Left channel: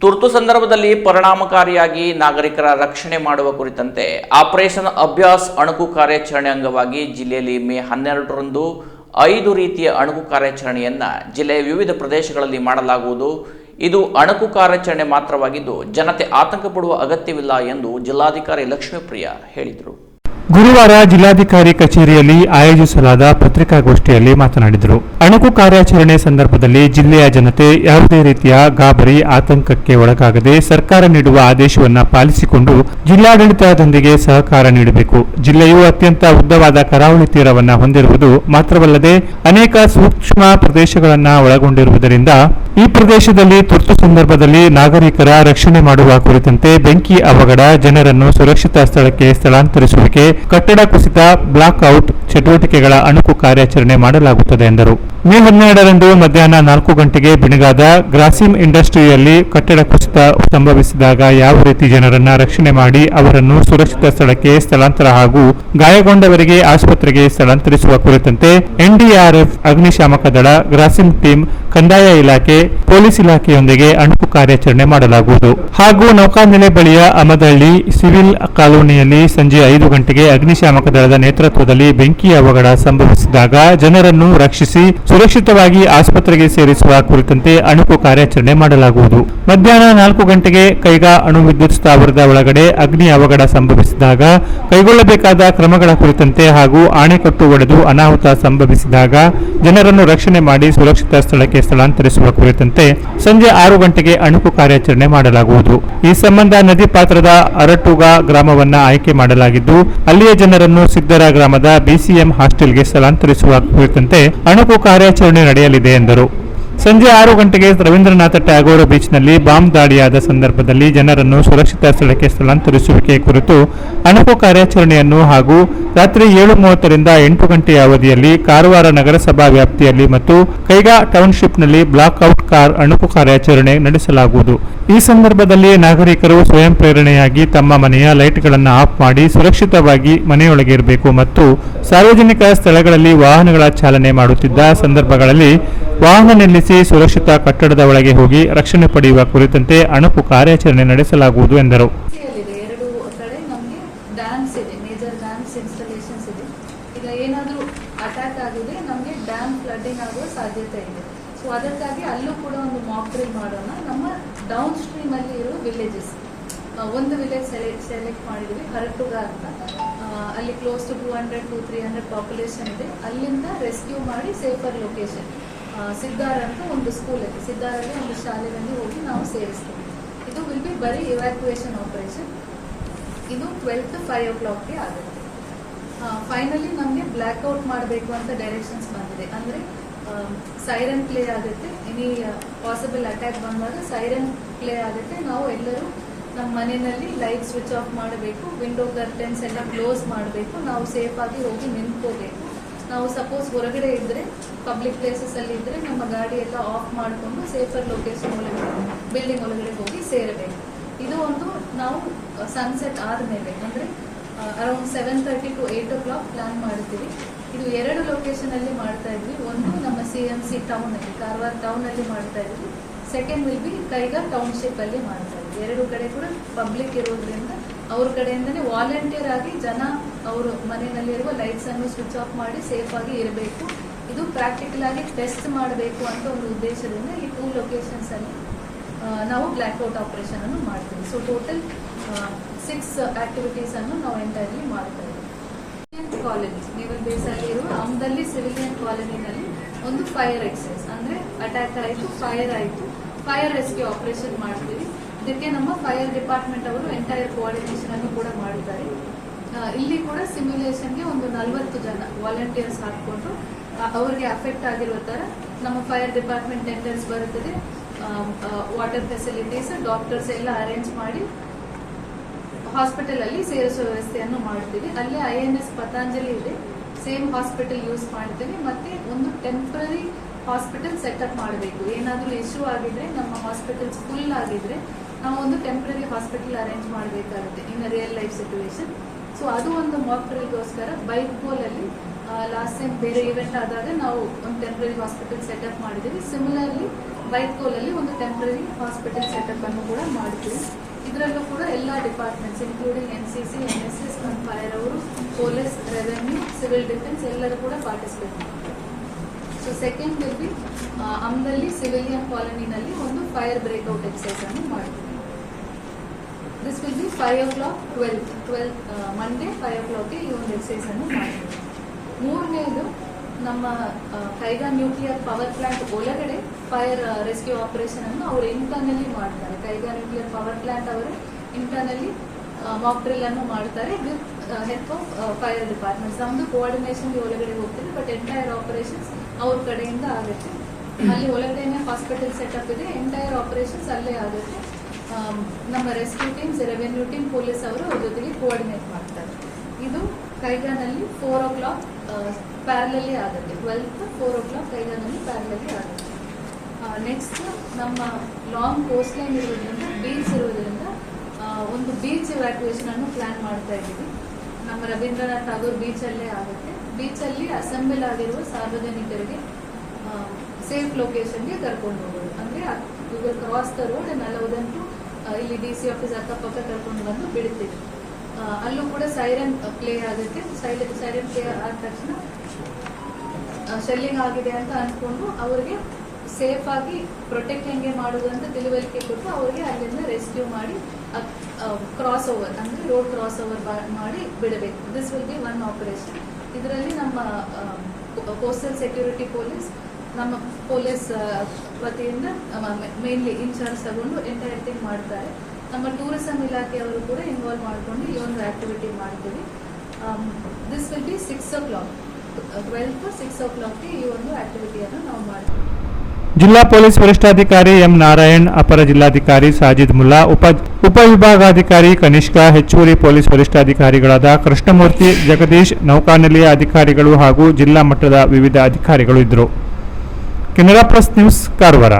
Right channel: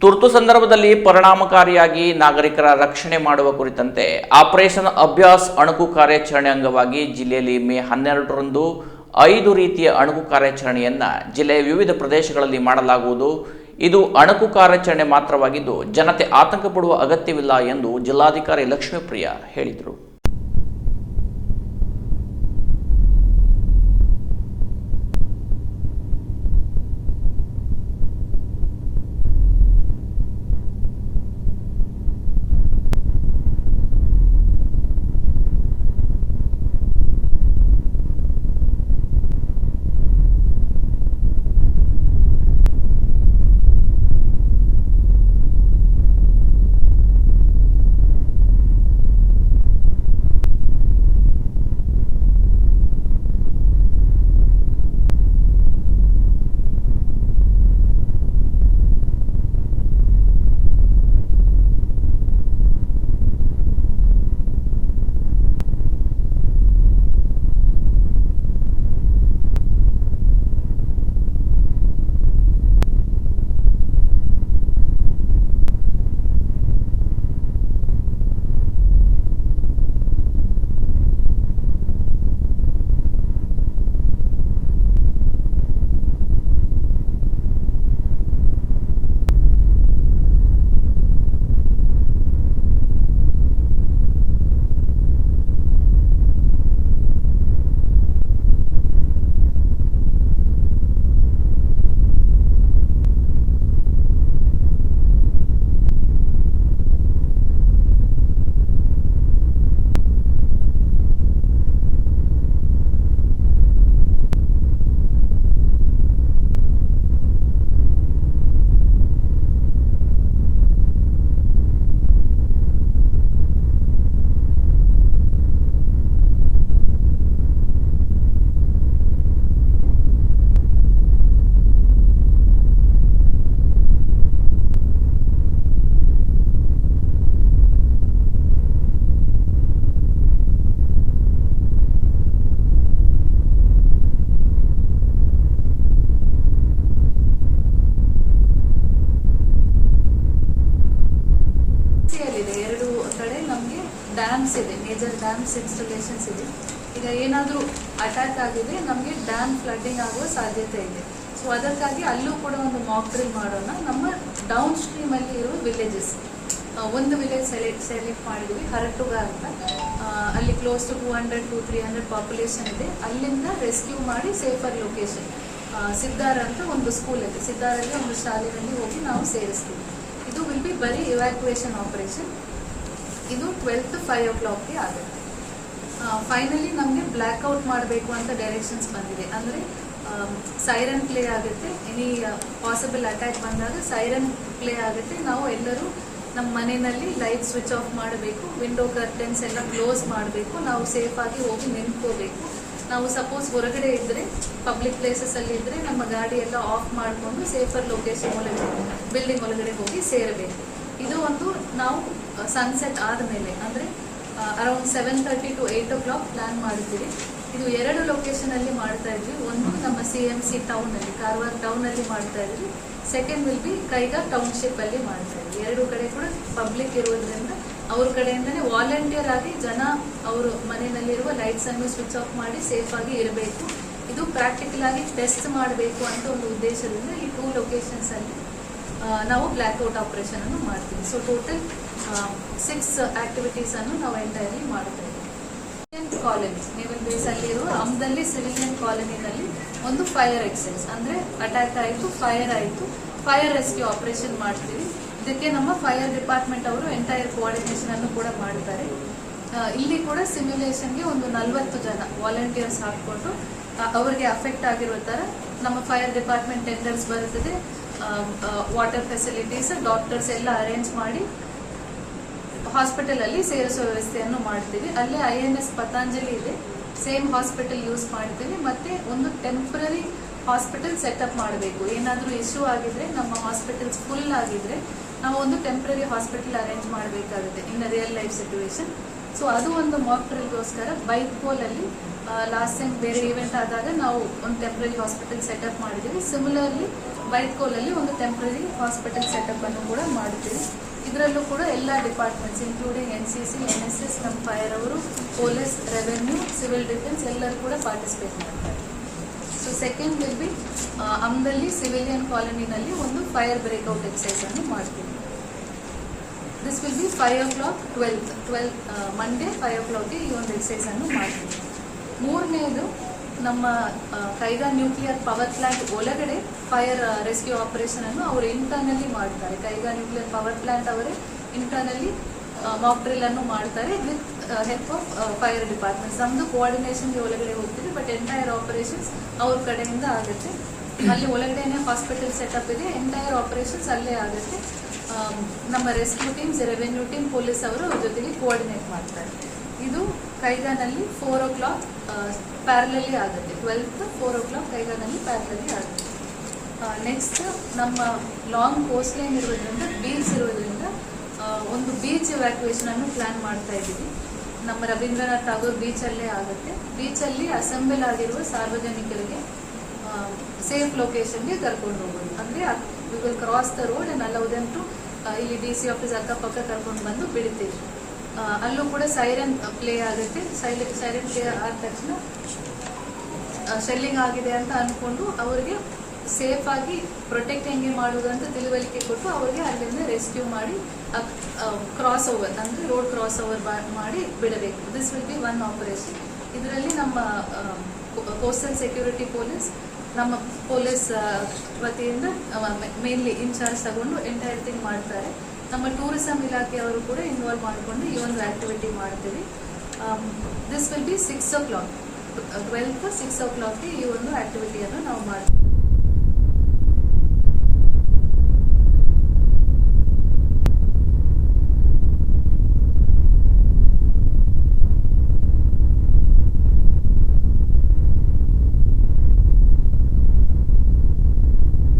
ತುರ್ತು ಸಂದರ್ಭದಲ್ಲಿ ಪರಿಣಾಮಕಾರಿಯಾಗಿ ನಾಗರಿಕರ ರಕ್ಷಣೆ ಮಾಡುವ ಕುರಿತಂತೆ ಆಪರೇಷನ್ ಅಭ್ಯಾಸ್ ಅಣುಕು ಕಾರ್ಯಾಚರಣೆ ಅಂಗವಾಗಿ ಜಿಲ್ಲೆಯಲ್ಲಿ ಮೇ ಹನ್ನೆರಡರಂದು ಐದು ರೀತಿಯ ಅಣುಕು ಕಾರ್ಯಾಚರಣೆಯನ್ನು ಜಿಲ್ಲೆಯ ವಿವಿಧ ಪ್ರದೇಶಗಳಲ್ಲಿ ಮಾಡಲಾಗುವುದು. ಇದು ಅಣುಕು ಕಾರ್ಯಾಚರಣೆ ಮಾತ್ರವಾಗಿದ್ದು, ಜನತೆ ಆತಂಕ ಪಡುವ ಅಗತ್ಯವಿಲ್ಲ ಎಂದು ಜಿಲ್ಲಾಧಿಕಾರಿ ಲಕ್ಷ್ಮೀಪ್ರಿಯ ಹೇಳಿದರು. ಗುರುವಾರ ಜಿಲ್ಲಾಧಿಕಾರಿ ಕಚೇರಿಯಲ್ಲಿ ಆಯೋಜಿಸಲಾದ ಪತ್ರಿಕಾಗೋಷ್ಠಿಯಲ್ಲಿ ಮಾತನಾಡಿದರು. ಅಣುಕು ಕಾರ್ಯಾಚರಣೆ ಸಂದರ್ಭದಲ್ಲಿ ಜಿಲ್ಲೆಯ ಜನತೆ ಯಾವುದೇ ರೀತಿಯ ಗಾಬರಿ, ಆತಂಕಕ್ಕೆ ಒಳಗಾಗದೆ ಸರ್ಕಾರ ನೀಡುವ ಆದೇಶವನ್ನ ಪಾಲಿಸಿಕೊಂಡು ಜಿಲ್ಲಾಡಳಿತದೊಂದಿಗೆ ಸಹಕಾರ ನೀಡಬೇಕು. ಜಿಲ್ಲೆಯು ಅತ್ಯಂತ ಉದ್ದವಾದ ಕರಾವಳಿ ತೀರವನ್ನು ಹೊಂದಿರುವುದು ಮಾತ್ರವಲ್ಲದೆ ಅನೇಕ ಸೂಕ್ಷ್ಮ ಪ್ರದೇಶಗಳನ್ನು ಒಳಗೊಂಡಿರುವುದರಿಂದ ಈ ಪ್ರದೇಶದಲ್ಲಿ ತುರ್ತು ಸಂದರ್ಭದಲ್ಲಿ ನಾಗರಿಕರ ರಕ್ಷಣೆ ಮಾಡುವ ಕುರಿತಂತೆ ಬೆಂಕಿ ಅವಘಡ, ಜನರನ್ನು ಸುರಕ್ಷಿತ ಸ್ಥಳಕ್ಕೆ ಸ್ಥಳಾಂತರಿಸುವಿಕೆ ಕಟ್ಟಡ ಕುಸಿತ, ಬ್ಲಾಕ್ ಔಟ್, ಚಟುವಟಿಕೆಗಳ ಅಣುಕು ಕಾರ್ಯಾಚರಣೆ ಮಾಡಲಾಗುತ್ತದೆ ಎಂದರು. ಮೇ ಹನ್ನೆರಡರಂದು ಮಧ್ಯಾಹ್ನ ನಾಲ್ಕು ಗಂಟೆಗೆ ಬಿಣಗಾದ ಗ್ರಾಸಿಮ್ ಇಂಡಸ್ಟ್ರಿಯಲ್ಲಿ ಕಟ್ಟಡ ಕುಸಿತ ಸಂಭವಿಸಿದಾಗ ಯಾವ ರೀತಿ ಜನರನ್ನ ರಕ್ಷಣೆ ಮಾಡಿ ಅವರನ್ನು ಸುರಕ್ಷಿತ ಸ್ಥಳಕ್ಕೆ ಸ್ಥಳಾಂತರ ಹಾಗೂ ಗಾಯಗೊಂಡವರಿಗೆ ಆಸ್ಪತ್ರೆಗೆ ಸ್ಥಳಾಂತರಿಸುವ ಕುರಿತಂತೆ ಎನ್ಡಿಆರ್ಎಫ್ ಅಗ್ನಿಶಾಮಕ ದಳ ಗ್ರಾಸಿಮ್ ಟೀಮ್ ಕಂದಾಯ ಇಲಾಖೆ, ಪೊಲೀಸ್ ಇಲಾಖೆಯೊಂದಿಗೆ ಅಣುಕು ಕಾರ್ಯಾಚರಣೆ ಮಾಡಲಾಗುವುದು. ಹಾಗೂ ನೌಕಾನೆಲೆ ಬಳಿಯ ಅಮದಳ್ಳಿ ಸಿವಿಲ್ ಕಾಲೋನಿಯಲ್ಲಿ ಸಂಜೆ ಐದು ಗಂಟೆಗೆ ಅಗ್ನಿಶಾಮಕ ದಳದ ನೇತೃತ್ವದಲ್ಲಿ ಬೆಂಕಿ ಅವಘಡ ಸಂಭವಿಸಿದಾಗ ಜನರನ್ನು ರಕ್ಷಿಸಿ ಸುರಕ್ಷಿತವಾಗಿ ಆಸ್ಪತ್ರೆಗೆ ಸೇರಿಸುವ ಕುರಿತಂತೆ ಅಣುಕು ಕಾರ್ಯಾಚರಣೆ ಮಾಡಲಾಗುವುದು. ಮಧ್ಯಾಹ್ನ ನಾಲ್ಕು ಗಂಟೆಗೆ ಕೈಗಾ ಅಣು ವಿದ್ಯುತ್ ಸ್ಥಾವರದ ಒಳಗಡೆ ಅಗ್ನಿ ಅವಘಡ ಸಂಭವಿಸಿದಾಗ ಕೈಗೊಳ್ಳಬೇಕಾದ ಕ್ರಮಗಳ ಕುರಿತಂತೆ ಹಾಗೂ ಆಣೆಕಟ್ಟು ಒಡೆದು ಅನಾಹುತ ಸಂಭವಿಸಿದಾಗ ಜನರನ್ನು ರಕ್ಷಣೆ ಮಾಡಿ ಸುರಕ್ಷಿತ ಸ್ಥಳಕ್ಕೆ ಸ್ಥಳಾಂತರಿಸುವ ಕುರಿತಂತೆ ಸಂಜೆ ಆರು ಗಂಟೆಗೆ ಅಣುಕು ಕಾರ್ಯಾಚರಣೆ ಮಾಡಲಾಗುವುದು. ಈ ಸಂಬಂಧ ನದಿ ಪಾತ್ರದ ಅರಟುಗ ಗ್ರಾಮವನ್ನ ಆಯ್ಕೆ ಮಾಡಲಾಗಿದ್ದು ಅಲ್ಲಿಯ ಜನರನ್ನು ಸಿದ್ದರ ಗ್ರಾಮದ ಬಿಸಿಎಂ ಹಾಸ್ಟೆಲ್ಗೆ ಸ್ಥಳಾಂತರಿಸುವ ಕುರಿತಂತೆ ಅಣುಕು ಕಾರ್ಯಾಚರಣೆ ನಡೆಯಲಿದೆ ಎಂದರು. ಸಂಜೆ ಆರು ಗಂಟೆಗೆ ರವೀಂದ್ರನಾಥ ಟ್ಯಾಗೋರ್ ಬೀಚ್ನಲ್ಲಿ ಬಾಂಬ್ ದಾಳಿಯಾದ ಸಂದರ್ಭದಲ್ಲಿ ಜನರನ್ನು ಸುರಕ್ಷಿತ ಸ್ಥಳಕ್ಕೆ ಸ್ಥಳಾಂತರಿಸುವಿಕೆ ಕುರಿತು ಅಣಕು ಕಾರ್ಯಾಚರಣೆಯನ್ನು ಹಾಗೂ ರಾತ್ರಿ ಏಳು ಮೂವತ್ತರಿಂದ ಎಂಟು ಗಂಟೆಯ ಅವಧಿಯಲ್ಲಿ ಕಾರವಾರ ನಗರಸಭಾ ವ್ಯಾಪ್ತಿಯಲ್ಲಿ ಮತ್ತು ಕೈಗಾ ಟೌನ್ಶಿಪ್ನಲ್ಲಿ ಬ್ಲಾಕ್ಔಟ್ ಕಾರ್ ಅಣುಕು ಕಾರ್ಯಾಚರಣೆ ನಡೆಸಲಾಗುವುದು. ಈ ಸಂದರ್ಭದಲ್ಲಿ ನಾಗರಿಕರು ಸ್ವಯಂ ಪ್ರೇರಣೆಯಾಗಿ ತಮ್ಮ ಮನೆಯ ಲೈಟ್ಗಳನ್ನು ಆಫ್ ಮಾಡಿ ಸುರಕ್ಷಿತವಾಗಿ ಮನೆಯೊಳಗೆ ಇರಬೇಕು ಮತ್ತು ಸಾರ್ವಜನಿಕ ಸ್ಥಳಗಳಲ್ಲಿ ವಾಹನಗಳ ಚಾಲನೆ ಮಾಡುತ್ತಿದ್ದ ಸಂದರ್ಭಗಳಲ್ಲಿ ವಾಹನ ನಿಲ್ಲಿಸಿ ಸುರಕ್ಷಿತ ಕಟ್ಟಡದ ಒಳಗೆ ಹೋಗಿ ರಕ್ಷಣೆ ಪಡೆಯುವ ಕುರಿತಂತೆ ಅಣುಕು ಕಾರ್ಯಾಚರಣೆ ನಡೆಸಲಾಗುವುದು ಎಂದರು. ಈಗ ಏನಾದರೂ ಅಟ್ಯಾಕ್ ಆಗಿದೆ ನಮಗೆ ಡ್ಯಾಮ್ ಫ್ಲಡ್ಡಿಂಗ್ ಆಗುವ ಸಾಧ್ಯತೆ ಇದೆ. ಸೊ ಅದಕ್ಕಾಗಿ ಅಲ್ಲೂ ಕೂಡ ಒಂದು ಮಾಕ್ ಡ್ರಿಲ್ ಮಾಡೋಣ. ನಮ್ಮ ಡೌನ್ ಸ್ಟ್ರೀಮ್ ಅಲ್ಲಿ ಇರುವ ವಿಲೇಜಸ್ ಒಂದು ವಿಲೇಜ್ ಸೆಲೆಕ್ಟ್ ಸೆಲೆಕ್ಟ್ ಮಾಡಿದ್ವಿ ಹರಟುಗ ಅಂತ. ಅಲ್ಲಿ close to two hundred to three hundred population ಇದೆ. ಅಲ್ಲಿಂದ ರೆಸ್ಕ್ಯೂ ಮಾಡಿ ಸೇಫರ್ ಲೊಕೇಶನ್ ಸಿದ್ದಾರ ಅಂತ ಒಂದು ಸ್ಕೂಲ್ ಇದೆ ಸಿದ್ದಾರಲ್ಲಿ ಒಂದು ಶಾಲೆಯಲ್ಲಿ ಹೋಗಿ ನಾವು ಸೇರಿಸ್ತೀವಿ. ಇದು ವಿಲ್ ಬಿ ಬರೀ ಇವ್ಯಾಕ್ಯುಯೇಷನ್ ಆಪರೇಷನ್ ಇದು ಟ್ವೆಲ್ತ್ ಫೈವ್ ಓ ಕ್ಲಾಕ್ಗೆ ಆಗುತ್ತೆ. ಫೈನಲಿ ನಮಗೆ ಬ್ಲ್ಯಾಕ್ಔಟ್ ಮಾಡಬೇಕು ಅಂತ ಡೈರೆಕ್ಷನ್ಸ್ ಬಂದಿದೆ. ಅಂದರೆ ಸೈರನ್ ಪ್ಲೇ ಆಗುತ್ತೆ. ಎನಿ ಪಾಸಿಬಲ್ ಅಟ್ಯಾಕ್ ಬಂದಾಗ ಸೈರನ್ ಪ್ಲೇ ಆಗುತ್ತೆ. ನಾವು ಎಲ್ಲರೂ ನಮ್ಮ ಮನೆಯಲ್ಲಿ ಲೈಟ್ ಸ್ವಿಚ್ ಆಫ್ ಮಾಡಬೇಕು. ವಿಂಡೋ ಕರ್ಟನ್ಸ್ ಎಲ್ಲ ಕ್ಲೋಸ್ ಮಾಡಬೇಕು. ನಾವು ಸೇಫ್ ಆಗಿ ಹೋಗಿ ನಿಂತ್ಕೋಬೇಕು. ನಾವು ಸಪೋಸ್ ಹೊರಗಡೆ ಇದ್ರೆ ಪಬ್ಲಿಕ್ ಪ್ಲೇಸಸ್ ಅಲ್ಲಿ ಇದ್ರೆ ನಮ್ಮ ಗಾಡಿ ಎಲ್ಲ ಆಫ್ ಮಾಡಿಕೊಂಡು ಸೇಫರ್ ಲೊಕೇಶನ್ ಒಳಗಡೆ ಬಿಲ್ಡಿಂಗ್ ಒಳಗಡೆ ಹೋಗಿ ಸೇರಬೇಕು. ಇದು ಒಂದು ನಾವು ಸನ್ಸೆಟ್ ಆದಮೇಲೆ, ಅಂದ್ರೆ around seven thirty to eight o'clock plan ಮಾಡ್ತೀವಿ ಇದು ಎರಡು ಲೊಕೇಶನ್ ಅಲ್ಲಿ ಮಾಡ್ತಾ ಇದ್ವಿ. ಒಂದು ನಮ್ಮ ಸಿ ಎಂ ಸಿ ಟೌನ್ ಅಲ್ಲಿ ಕಾರವಾರ ಟೌನ್ ಅಲ್ಲಿ ಮಾಡ್ತಾ ಇದ್ವಿ. Second will be Kaiga township ಅಲ್ಲಿ ಮಾಡ್ತಾ ಇದ್ವಿ. ಎರಡು ಕಡೆ ಕೂಡ ಪಬ್ಲಿಕ್ ಇರೋದ್ರಿಂದ ಅವ್ರ ಕಡೆಯಿಂದನೇ ವಾಲಂಟಿಯರ್ ಆಗಿ ಜನ ಅವರು ಮನೆಯಲ್ಲಿರುವ ಲೈಟ್ಸ್ ಅನ್ನು ಸ್ವಿಚ್ ಆಫ್ ಮಾಡಿ ಸೇಫ್ ಆಗಿ ಇರಬೇಕು. ಇದು ಪ್ರಾಕ್ಟಿಕಲ್ ಆಗಿ ಟೆಸ್ಟ್ ಮಾಡಬೇಕು ಅಂತ ಒಂದು ಉದ್ದೇಶದಿಂದ ಈ ಟೂ ಲೊಕೇಶನ್ಸ್ ಅಲ್ಲಿ ನಾವು ಬ್ಲ್ಯಾಕ್ ಔಟ್ ಆಪರೇಷನ್ ಅನ್ನು ಮಾಡ್ತೀವಿ. ಸೊ ಟೋಟಲ್ ಸಿಕ್ಸ್ ಆಕ್ಟಿವಿಟೀಸ್ ಅನ್ನು ನಾವು ಎಂಟೈರ್ಲಿ ಮಾಡ್ತಾ ಇದ್ದೀವಿ. ಕಾಲೋನಿ ನೇವಲ್ ಬೇಸ್ ಅಲ್ಲಿರುವ ಅಮ್ದಲ್ಲಿ ಸಿವಿಲಿಯನ್ ಕಾಲೋನಿನಲ್ಲಿ ಒಂದು ಫೈರ್ ಎಕ್ಸೈಸ್ ಅಂದ್ರೆ ಅಟ್ಯಾಕ್ ಆಯಿತು ಫೈರ್ ಆಯಿತು ಫೈರ್ ರೆಸ್ಕ್ಯೂ ಆಪರೇಷನ್ ಮಾಡ್ತೀವಿ. ಇದಕ್ಕೆ ನಮ್ಮ ಫೈರ್ ಡಿಪಾರ್ಟ್ಮೆಂಟ್ ಅವರು ಎಂಟೈರ್ ಕೋಆರ್ಡಿನೇಷನ್ ಅನ್ನು ಕೂಡ ಮಾಡ್ತಾರೆ. ಇಲ್ಲಿ ಕೂಡ ಸಿಮ್ಯುಲೇಷನ್ಗೆ ಒಂದು ನಲವತ್ತು ಜನ ವಾಲಂಟಿಯರ್ಸ್ ಹಾಕ್ಕೊಂಡು ಅವರಿಗೆ ಅಫೆಕ್ಟ್ ಆಗಿರೋ ತರ ನಮ್ಮ ಫೈರ್ ಡಿಪಾರ್ಟ್ಮೆಂಟ್ ಟೆಂಡರ್ಸ್ ಬರುತ್ತದೆ. ವಾಟರ್ ಫೆಸಿಲಿಟೀಸ್ ಡಾಕ್ಟರ್ಸ್ ಎಲ್ಲ ಅರೇಂಜ್ ಮಾಡಿ ಹಾಸ್ಪಿಟಲ್ ಅಲ್ಲಿ ಸೇರಿಸೋ ವ್ಯವಸ್ಥೆಯನ್ನು ಮಾಡ್ತೀವಿ. ಅಲ್ಲಿ ಐ ಎನ್ ಎಸ್ ಪತಾಂಜಲಿ ಇದೆ. ಸೇಮ್ ಹಾಸ್ಪಿಟಲ್ ಯೂಸ್ ಮಾಡ್ತೀವಿ. ಮತ್ತೆ ಒಂದು ಟೆಂಪರರಿ ಹಾಸ್ಪಿಟಲ್ ಸೆಟಪ್ ಮಾಡಬೇಕು. ಏನಾದರೂ ಇಶ್ಯೂ ಆಗಿದ್ರೆ, ನಮ್ಮ ಹಾಸ್ಪಿಟಲ್ಸ್ ಫುಲ್ ಆಗಿದ್ರೆ ನಾವು ಒಂದು ಟೆಂಪರರಿ ಹಾಸ್ಪಿಟಲ್ ಅರೇಂಜ್ ಮಾಡಬೇಕಾಗುತ್ತೆ in real life situation so ಅದು ಒಂದು ಮಾಕ್ ಡ್ರಿಲ್ಗೋಸ್ಕರ ಬೈಕ್ ಅಲ್ಲಿ ಲಾಸ್ಟ್ ಟೈಮ್ ಬೇರೆ ಇವೆಂಟ್ ಆದಾಗ ನಾವು ಒಂದು ಟೆಂಪರರಿ ಹಾಸ್ಪಿಟಲ್ ಸೆಟಪ್ ಮಾಡಿದ್ದೀವಿ ಸಿಮಿಲರ್ಲಿ ಬೈಕೋಲಲ್ಲಿ ಒಂದು ಟೆಂಪ್ರರಿ ಹಾಸ್ಪಿಟಲ್ ಸೆಟಪ್ ಅನ್ನು ಕೂಡ ಮಾಡಿದ್ದೀವಿ ಇದರಲ್ಲೂ ಕೂಡ ಎಲ್ಲ departments including N C C N S S ನಮ್ಮ ಫೈರ್ ಅವರು ಪೊಲೀಸ್ ರೆವೆನ್ಯೂ ಸಿವಿಲ್ ಡಿಫೆನ್ಸ್ ಎಲ್ಲರೂ ಕೂಡ ಪಾರ್ಟಿಸಿಪೇಟ್ ಮಾಡ್ತಾರೆ ಸೊ ಸೆಕೆಂಡ್ ವಿಲ್ ಬಿ ಅಮ್ದಲ್ಲಿ ಸಿವಿಲಿಯನ್ ಕಾಲೋನಿನಲ್ಲಿ ಒಂದು ಫೈರ್ ಬ್ರೇಕ್ಔಟ್ ಎಕ್ಸೈಸ್ ಅನ್ನು ಮಾಡ್ತೀವಿ this will be five o'clock twelfth twelve Monday five ಓ ಕ್ಲಾಕ್ಗೆ ಈ ಒಂದು ಎಕ್ಸೈಸ್ ಅನ್ನು ಮಾಡ್ತೀವಿ. ಮೂರನೇದು, ನಮ್ಮ ಕೈಗಾ ನ್ಯೂಕ್ಲಿಯರ್ ಪವರ್ ಪ್ಲಾಂಟ್ ಒಳಗಡೆ ಫೈರ್ ರೆಸ್ಕ್ಯೂ ಆಪರೇಷನ್ ಅನ್ನು ಅವರು ಇಂಟರ್ನಲ್ಲಿ ಮಾಡ್ತಾರೆ. ಕೈಗಾ ನ್ಯೂಕ್ಲಿಯರ್ ಪವರ್ ಪ್ಲಾಂಟ್ ಅವರೇ ಇಂಟರ್ನಲ್ಲಿ ಮಾಕ್ ಡ್ರಿಲ್ ಅನ್ನು ಮಾಡ್ತಾರೆ with help of fire departments ನಮ್ದು ಕೋಆರ್ಡಿನೇಷನ್ ಒಳಗಡೆ ಹೋಗ್ತೀವಿ ಬಟ್ ಎಂಟೈರ್ ಆಪರೇಷನ್ಸ್ ಅವ್ರ ಕಡೆಯಿಂದ ಆಗುತ್ತೆ. ಅಲ್ಲಿ ಒಳಗಡೆನೆ ಹಾಸ್ಪಿಟಲ್ ಸೆಟಪ್ ಇದೆ ಎಂಟೈರ್ ಆಪರೇಷನ್ಸ್ ಅಲ್ಲೇ ಆಗುತ್ತೆ. ನಮ್ಮ rescue teams revenue team police ಅವರು ಜೊತೆಗೆ ಕೋಆರ್ಡಿನೇಟ್ ಮಾಡ್ತಾರೆ. ಇದು ಕೈಗಾನಲ್ಲಿ ಫೋರ್ ಓ ಕ್ಲಾಕ್ ಪ್ಯಾರಲಲ್ಲಿ ಆಗುತ್ತೆ. ಟ್ವೆಲ್ತ್ ಫೋರ್ ಓ ಕ್ಲಾಕ್ ಕೈಗಾನಲ್ಲಿ ಪ್ಯಾರಲಲ್ಲಿ ಆಗುತ್ತೆ. ನೆಕ್ಸ್ಟ್ ನಮ್ಮ ಲಾಂಗ್ ಕೋಸ್ಟ್ ಲೈನ್ ಇರೋದ್ರಿಂದ ಬೀಚ್ ಇರೋದ್ರಿಂದ ಒಂದು ಬೀಚ್ ಇವ್ಯಾಕ್ಯುಯೇಷನ್ ಅನ್ನು ಪ್ಲಾನ್ ಮಾಡ್ತಾ ಇದ್ದೀವಿ. ನಮ್ಮ ರವೀಂದ್ರನಾಥ್ ಟಾಗೋರ್ ಬೀಚಲ್ಲೇ ಆಗುತ್ತೆ. ಬೀಚಲ್ಲಿ ಅಸೆಂಬಲ್ ಆಗಿರುವ ಸಾರ್ವಜನಿಕರಿಗೆ ಸೇಫ್ ಲೊಕೇಶನ್ಗೆ ಕರ್ಕೊಂಡು ಹೋಗೋದು. ಅಂದರೆ you will cross the road and ಇಲ್ಲಿ ಡಿ ಸಿ ಆಫೀಸ್ ಅಕ್ಕಪಕ್ಕ ಕರ್ಕೊಂಡು ಬಂದು ಅಲ್ಲೂ ಕೂಡ ಸೈರನ್ ಪ್ಲೇ ಆಗುತ್ತೆ. ಸೈಲೆಂಟ್ ಸೈರನ್ ಪ್ಲೇ ಆದ ತಕ್ಷಣ ಶೆಲ್ಲಿಂಗ್ ಆಗಿದೆ ಅಂತ ಅನ್ಕೊಂಡು ಅವರಿಗೆ ಸೇಫ್ ಆಗಿ ಪ್ರೊಟೆಕ್ಟ್ ಹೆಂಗೆ ಮಾಡುದು ಅಂತ ತಿಳುವಳಿಕೆ ಕೊಟ್ಟು ಅವರಿಗೆ ಅಲ್ಲಿಂದ ರೆಸ್ಕ್ಯೂ ಮಾಡಿ ಕ್ರಾಸ್ ಓವರ್ ಅಂದ್ರೆ ರೋಡ್ ಕ್ರಾಸ್ ಓವರ್ ಮಾಡಿ ಬಿಡಬೇಕು. This will be one operation ಇದರಲ್ಲಿ ನಮ್ಮ ಕೋಸ್ಟಲ್ ಸೆಕ್ಯೂರಿಟಿ ಪೊಲೀಸ್ ನಮ್ಮ ಪೊಲೀಸ್ ವತಿಯಿಂದ ಮೇನ್ಲಿ ಇನ್ಚಾರ್ಜ್ ತಗೊಂಡು ಎಂಟೈರ್ ಥಿಂಗ್ ಮಾಡ್ತಾರೆ. ನಮ್ಮ ಟೂರಿಸಂ ಇಲಾಖೆಯವರು ಕೂಡ ಇನ್ವಾಲ್ವ್ ಮಾಡಿಕೊಂಡು ಈ ಒಂದು ಆಕ್ಟಿವಿಟಿ ಮಾಡ್ತೀವಿ. This will be six o'clock twelfth six ಓ ಕ್ಲಾಕ್ಗೆ ಈ ಒಂದು ಆಕ್ಟಿವಿಟಿಯನ್ನು ನಾವು ಮಾಡ್ತೀವಿ. ಜಿಲ್ಲಾ ಪೊಲೀಸ್ ವರಿಷ್ಠಾಧಿಕಾರಿ ಎಂ ನಾರಾಯಣ್, ಅಪರ ಜಿಲ್ಲಾಧಿಕಾರಿ ಸಾಜಿದ್ ಮುಲ್ಲಾ, ಉಪ, ಉಪವಿಭಾಗಾಧಿಕಾರಿ ಕನಿಷ್ಕಾ ಹೆಚ್ಚುವರಿ ಪೊಲೀಸ್ ವರಿಷ್ಠಾಧಿಕಾರಿಗಳಾದ ಕೃಷ್ಣಮೂರ್ತಿ, ಜಗದೀಶ್, ನೌಕಾನೆಲೆಯ ಅಧಿಕಾರಿಗಳು ಹಾಗೂ ಜಿಲ್ಲಾ ಮಟ್ಟದ ವಿವಿಧ ಅಧಿಕಾರಿಗಳು ಇದ್ದರು. Canara plus news Karwar